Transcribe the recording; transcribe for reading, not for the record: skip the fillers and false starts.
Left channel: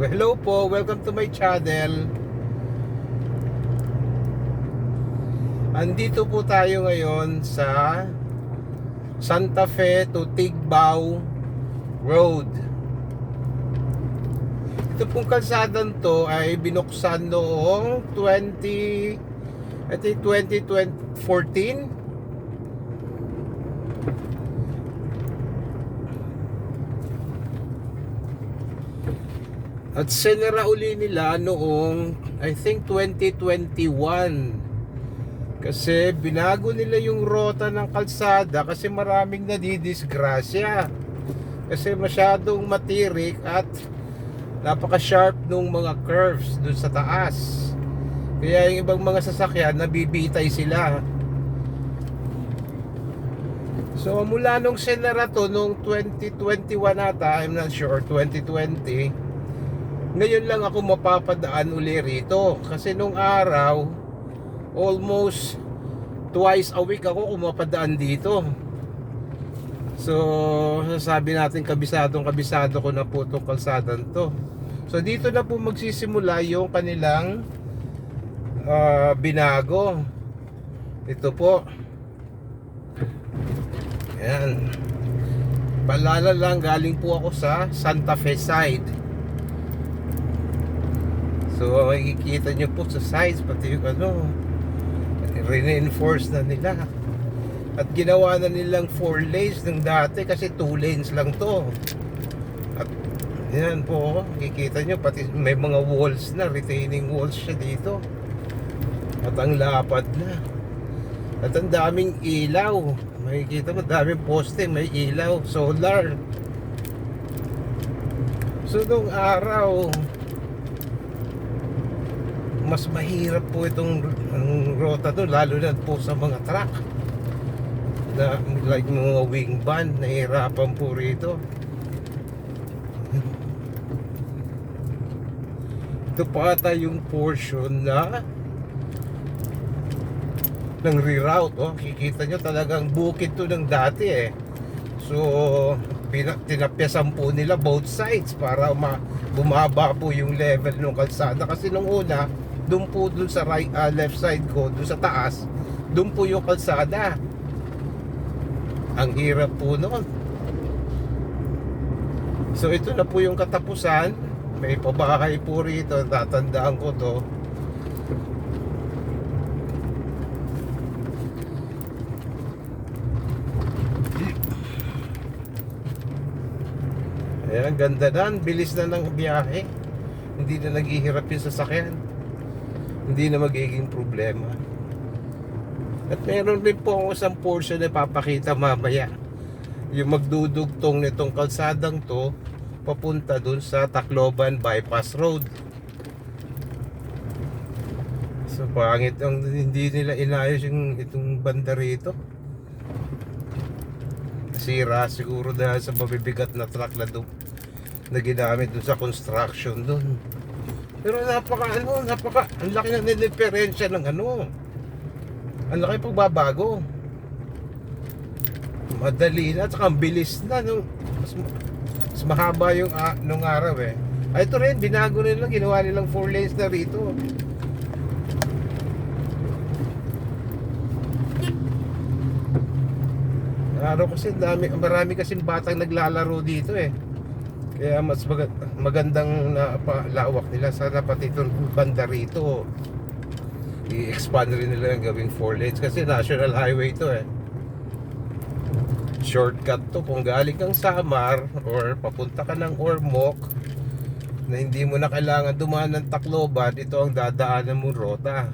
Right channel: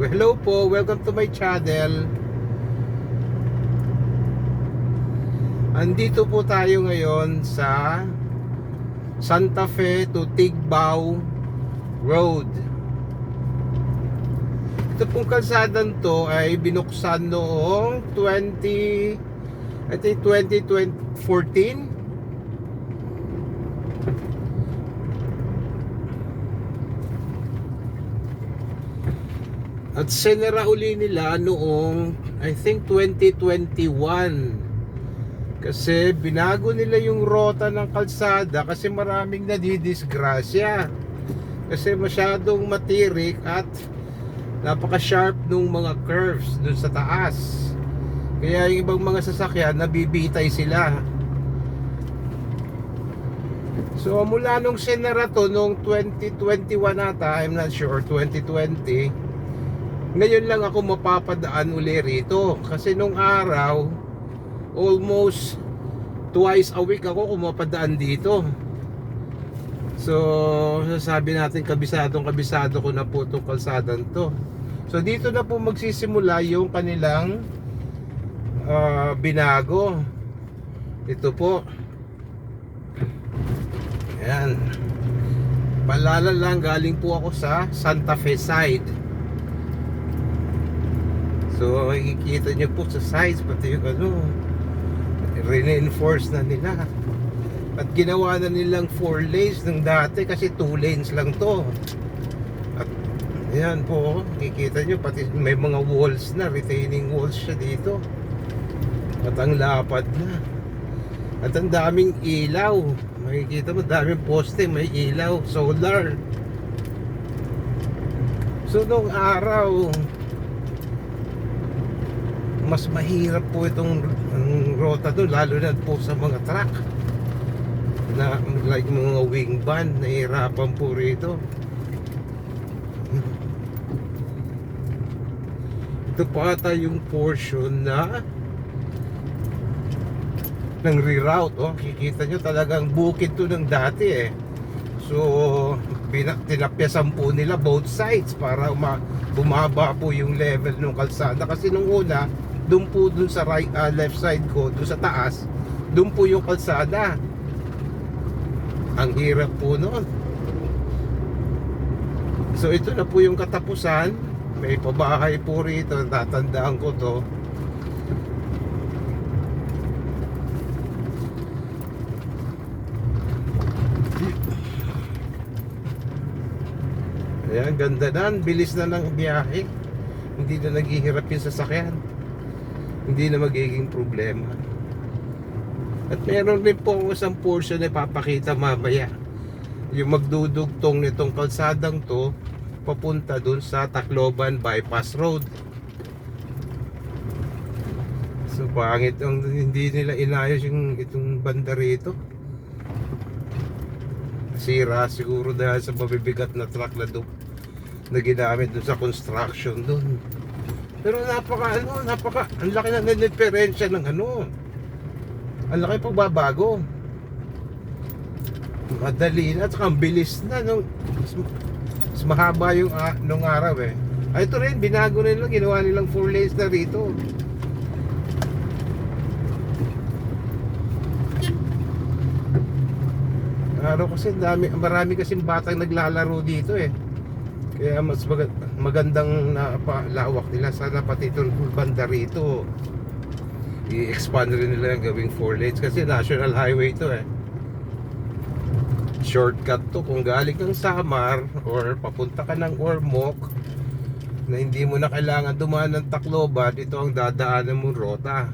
Hello po, welcome to my channel. Andito po tayo ngayon sa Santa Fe to Tigbao Road. Ito pong kalsadang to ay binuksan noong 2014. At sinara uli nila noong I think 2021 kasi binago nila yung rota ng kalsada kasi maraming nadidisgrasya kasi masyadong matirik at napaka-sharp nung mga curves dun sa taas, kaya yung ibang mga sasakyan nabibitay sila. So mula nung sinara to noong 2021 ata, I'm not sure, 2020, ngayon lang ako mapapadaan uli rito kasi nung araw almost twice a week ako kumapadaan dito. So sasabi natin kabisado ko na po itong kalsadang to. So dito na po magsisimula yung kanilang binago. Ito po, yan, palala lang, galing po ako sa Santa Fe side. So makikita nyo po sa sides, pati yung reinforce na nila. At ginawa na nilang 4 lanes ng dati kasi 2 lanes lang to. At yan po, makikita nyo pati may mga walls na, retaining walls siya dito. At ang lapad na. At ang daming ilaw. Makikita mo, daming poste, may ilaw, solar. So nung araw, mas mahirap po itong rota to, lalo na po sa mga truck na like mga wing van, nahihirapan po rito. Ito pa ata yung portion na ng reroute. Kikita nyo talagang bukid to ng dati so tinapyasan po nila both sides para bumaba po yung level ng kalsada kasi nung una doon sa left side ko, doon sa taas, doon po yung kalsada. Ang hirap po noon. So ito na po yung katapusan. May pabahay po rito, tatandaan ko to. Ayan, ganda na, bilis na ng biyahe. Hindi na naghihirap yung sasakyan, hindi na magiging problema. At meron din po ako isang portion na papakita mamaya, yung magdudugtong nitong kalsadang to papunta dun sa Tacloban Bypass Road. So pangit ang hindi nila inayos yung itong banda rito. Sira siguro dahil sa mabibigat na truck na ginamit dun sa construction dun. Pero napaka ang laki na diferensya ng ang laki pagbabago. Madali na at saka ang bilis na mas mahaba yung nung araw ito rin, binago nila, ginawa nilang 4 lanes na rito. Araw kasi marami kasing batang naglalaro dito kaya mas magandang lawak nila. Sana pati itong banda rito i-expand rin nila, gawing 4 lanes kasi national highway to shortcut to kung galing kang Samar or papunta ka ng Ormoc na hindi mo na kailangan dumaan ng Tacloban. Ito ang dadaanan mong rota.